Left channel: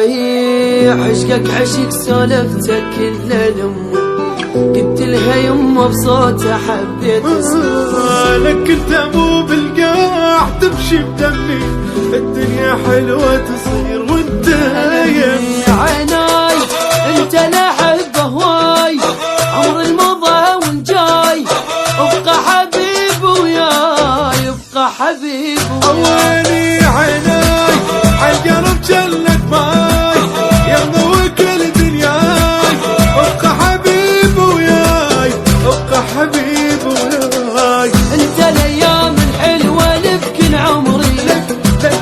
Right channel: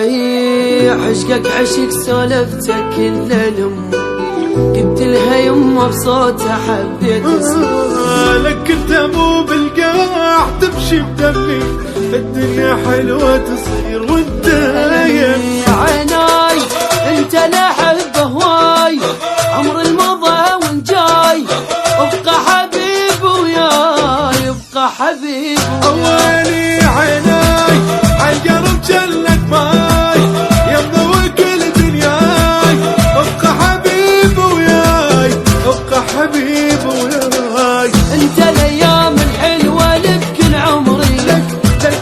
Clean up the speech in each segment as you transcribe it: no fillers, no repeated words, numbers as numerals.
عشقك عشق سولفتك كل الأم، قلت لها يمه بصوته حبيت لك انت مو بالقاع تمشي بدمي، الدنيا حلوة تصير وانت يمي. عيناي انت لحب هواي، عمر المضى والجاي، ابقى حبيب وياي، ابقى حبيب وياي. اواني عيناي عالقرب جلك ماي، يمنا وكل دنياي، ابقى حبيب وياي، ابقى حبيب وياي. انت الايام الحلوة لبكن عمري، لك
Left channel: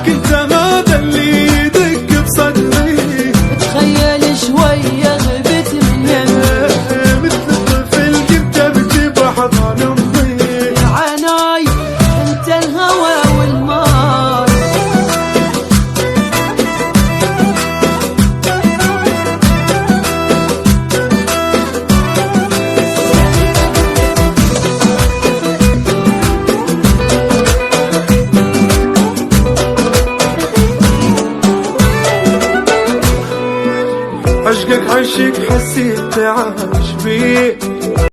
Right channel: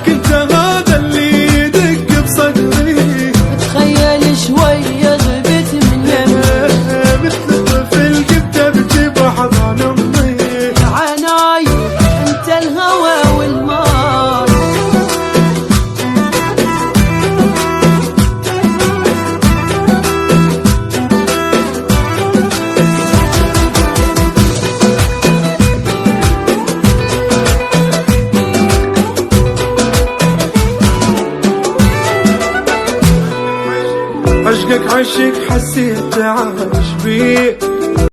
انت هذا اللي يدق بصدري. تخيل شوية غبت من يمي، مثل الطفل جبت بجيب حضن امي. عيناي انت الهوى والماي. عشقك عشق حسيت عايش بيه،